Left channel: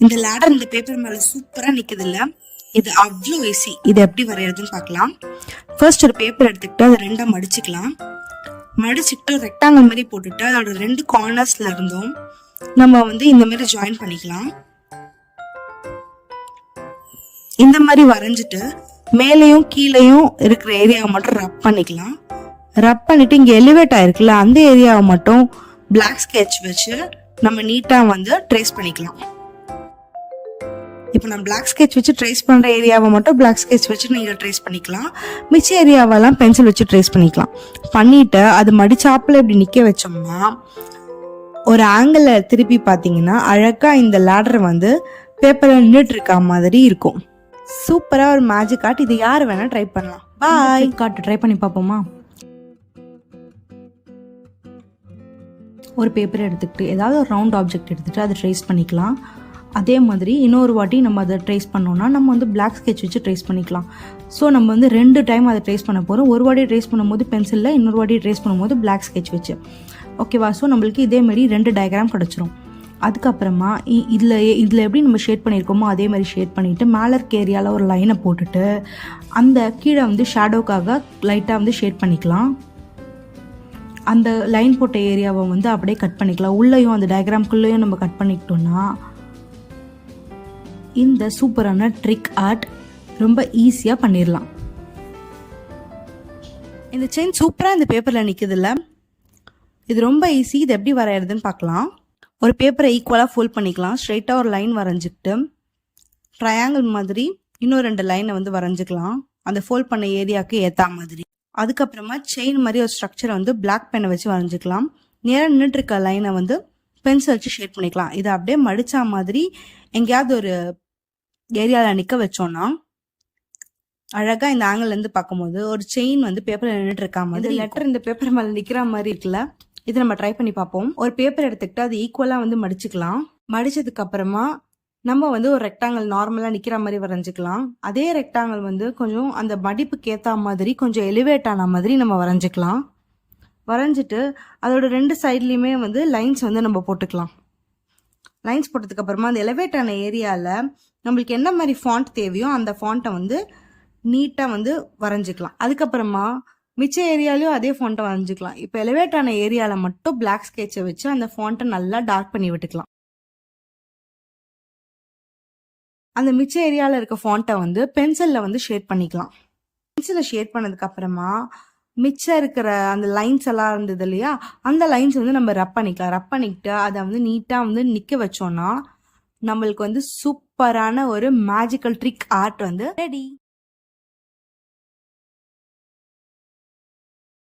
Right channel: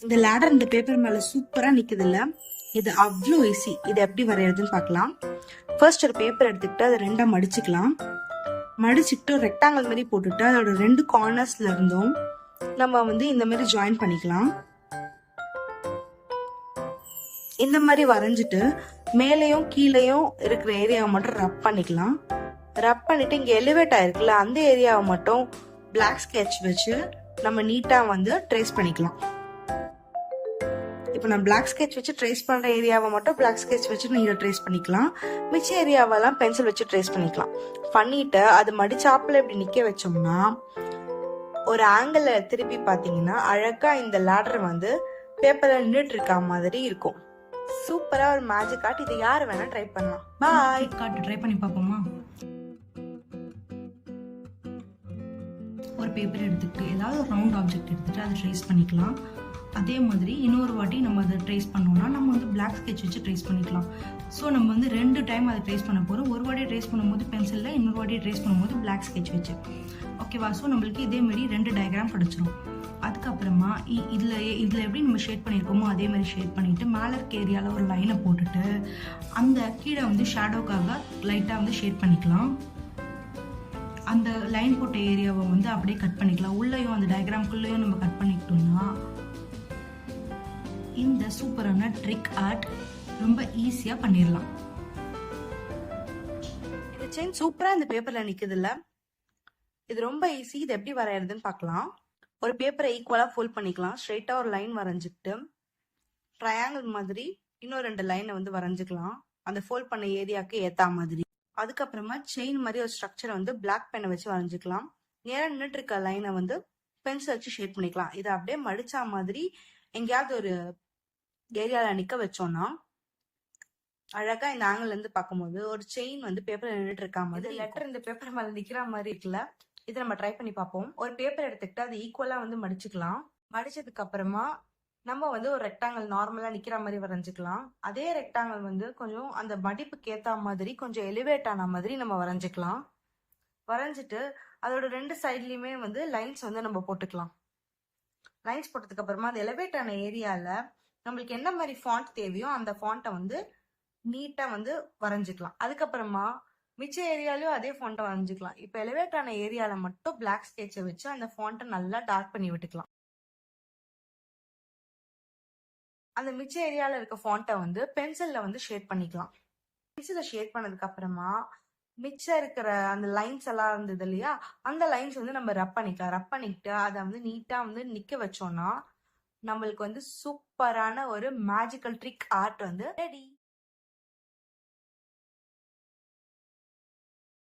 இந்த லேடர் இந்த பேப்பர் மேல சூப்பரா நிக்குது இல்ல. இது அவ்வளோ ஈஸி. இது எப்படி வரையறதுன்னு பார்க்கலாம். ஃபர்ஸ்ட் ஒரு பேப்பர் எடுத்துக்கிட்டு அதை ரெண்டா மடிச்சுக்கலாம். மடிச்சுக்கிட்டு ரெக்டாங்கிள் மாதிரி போட்டுட்டு அதோட ரெண்டு கார்னர்ஸ்ல இருந்தும் நம்ம இந்த மாதிரி ஜாயின் பண்ணிக்கலாம். இந்த மாதிரி வரைஞ்சிட்டு மேலையும் கீழையும் இருக்கிற ஏரியாவை மட்டும் ரப் பண்ணிக்கலாம். ரப் பண்ணிட்டு இங்க எலிவேட் ஆயிருக்குல்ல அந்த ஏரியாவை மட்டும் பிளாக் ஸ்கெட்ச் வச்சு நம்ம நீட்டா ட்ரேஸ் பண்ணிக்கலாம். இப்போ நான் பிளாக் ஸ்கெட்ச் வச்சு ட்ரேஸ் பண்ணுற ஏரியாவை மட்டும் பிளாக் ஸ்கெட்ச் வச்சு நீங்கள் ட்ரேஸ் பண்ணிக்கலாம். மிச்ச ஏரியாவெல்லாம் பென்சில் வச்சு ட்ரேஸ் பண்ணிக்கலாம். பண்ணிட்டு அது மடிச்சாப்பில் இப்படி நிற்க வச்சோம்னா ஒரு ஆங்கிளில் திருப்பி பார்த்தீங்கன்னா அழகாக இந்த லேடர் பேப்பரில் நின்றுட்டு இருக்க மாதிரி இருக்கும். சூப்பராக ஒரு மேஜிக் ஆர்ட். இது யார் வேணால் ட்ரை பண்ணலாம். பாய். காட்டு ட்ரை பண்ணி பார்ப்போமா? ஒரு பேப்பர் எடுத்துக்கிட்டு ஏதாவது ஒரு ரவுண்ட் ஆப்ஜெக்ட் எடுத்துகிட்டு அதை ட்ரேஸ் பண்ணிக்கலாம். அதே மாதிரி இன்னொரு வாட்டி நம்ம அதை ட்ரேஸ் பண்ணோம்னா நம்ம பிளாக் ஸ்கெட்ச் வச்சு ட்ரேஸ் பண்ணிக்கலாம். ஸோ நம்ம 2 டைம் அதை ட்ரேஸ் பண்ண போகிறோம். ஒரு வாட்டி ட்ரேஸ் பண்ணும்போது பென்சிலில், இன்னொரு வாட்டி ட்ரேஸ் பண்ணும்போது பிளாக் ஸ்கெட்ச் வச்சு. ஓகேவா? ஸோ நம்மளுக்கு இதே மாதிரி 2 டயக்ராம் கிடச்சிரும். அதுக்கப்புறமா இதில் எப்படி நம்ம ஷேட் பண்ணியிருக்கோமோ அதே மாதிரி ஷேட் பண்ணிவிட்டு மேலே இருக்க ஏரியாவில் ஒரு லைனை போட்டுட்டு அந்த கீழே ஷேடோக்காக லைட்டாக ஷேட் பண்ணிக்கலாம். அந்த லைன் போட்ட ஏரியாவை அப்படியே கட் பண்ணிக்கலாம். உள்ளேயும் அந்த டயக்ராம்குள்ளேயும் நம்ம கட் பண்ணிக்கிட்டோம்னா இந்த சூப்பரான ட்ரிக் ஆர்ட் ரொம்ப ஈஸியாக பண்ணிடலாம். இந்த செயின் சூப்பராக இந்த பேப்பரில் நிற்குதுல்ல. இது ரொம்ப ஈஸி. இது எப்படி வரைகிறதுன்னு பார்க்கலாம். ஒரு பேப்பரை ஈக்குவலாக ஃபோல்ட் பண்ணிக்கலாம். ஸ்ட்ரைட்டாக ஒரு லைன் வரைஞ்சிக்கிட்டு ட்ரையாங்கிள் மாதிரி இன்னும் 2 லைனை வரைஞ்சிக்கலாம். அந்த ஃபோல்ட் பண்ண ஏரியாவுக்கு ஏற்ற மாதிரி. அதுக்கப்புறமா செயின் மாதிரி ஒரு ஸ்ட்ரக்சரை பிளாக் பென்னை வச்சு வரைஞ்சிக்கலாம். நேராக நின்றுட்டு இருக்க லைனை பென்சில் வச்சு ஷேட் பண்ணிக்கலாம். இதை அப்படியே மடிச்சா மாதிரி எங்கேயாவது ஒரு ஏரியாவில் நிற்க வச்சோன்னா அழகாக இந்த ஆங்கிள்லேருந்து பார்க்கும்போது ஒரு செயின் பேப்பரில் நின்றுட்டு இருக்கா மாதிரி, லெட்டர் இந்த பேப்பர் மேலே நிற்கிற மாதிரி இருக்குல்ல. இது நம்ம ட்ரை பண்ணி பார்ப்போம். ஒரு பேப்பர் எடுத்துக்கிட்டு அது ஈக்குவலாக மடிச்சுக்கலாம். மடிச்சதுக்கு அப்புறமா நம்ம ஒரு ரெக்டாங்கிள் நார்மலாக நிற்கிற மாதிரி வரைஞ்சிக்கலாம். அதே ரெக்டாங்கிள் கொஞ்சம் அந்த மடிப்புக்கு ஏற்ற மாதிரி கொஞ்சம் எலிவேட் ஆன மாதிரி நம்ம வரைஞ்சிக்கலாம். வரைஞ்சிட்டு அதோட 2 சைட்லேயுமே லைன்ஸ் நம்ம போட்டுக்கலாம். லைன்ஸ் போட்டதுக்கு அப்புறமா அந்த எலிவேட் ஆன ஏரியாவில் நம்மளுக்கு என்ன மாதிரி ஃபாண்ட் தேவையோ அந்த ஃபாண்ட்டை நீட்டாக வரைஞ்சிக்கலாம். அதுக்கப்புறமா மிச்ச ஏரியாலையும் அதே ஃபாண்ட்டை வரைஞ்சிக்கலாம். இப்போ எலிவேட் ஆன ஏரியாவில் மட்டும் பிளாக் ஸ்கெட்சை வச்சு அந்த ஃபாண்ட்டை நல்லா டார்க் பண்ணி விட்டுக்கலாம். அந்த மிச்ச ஏரியாவில் இருக்க ஃபாண்ட்டை பென்சிலில் ஷேட் பண்ணிக்கலாம். பென்சிலில் ஷேட் பண்ணதுக்கு அப்புறமா மிச்சம் இருக்கிற அந்த லைன்ஸ் எல்லாம் இருந்தது இல்லையா, அந்த லைன்ஸ் நம்ம ரப் பண்ணிக்கலாம். ரப் பண்ணிக்கிட்டு அதை நீட்டாக நிற்க வச்சோன்னா நம்மளுக்கு சூப்பரான ஒரு மேஜிக்கல் ட்ரிக் ஆர்ட் ரெடி.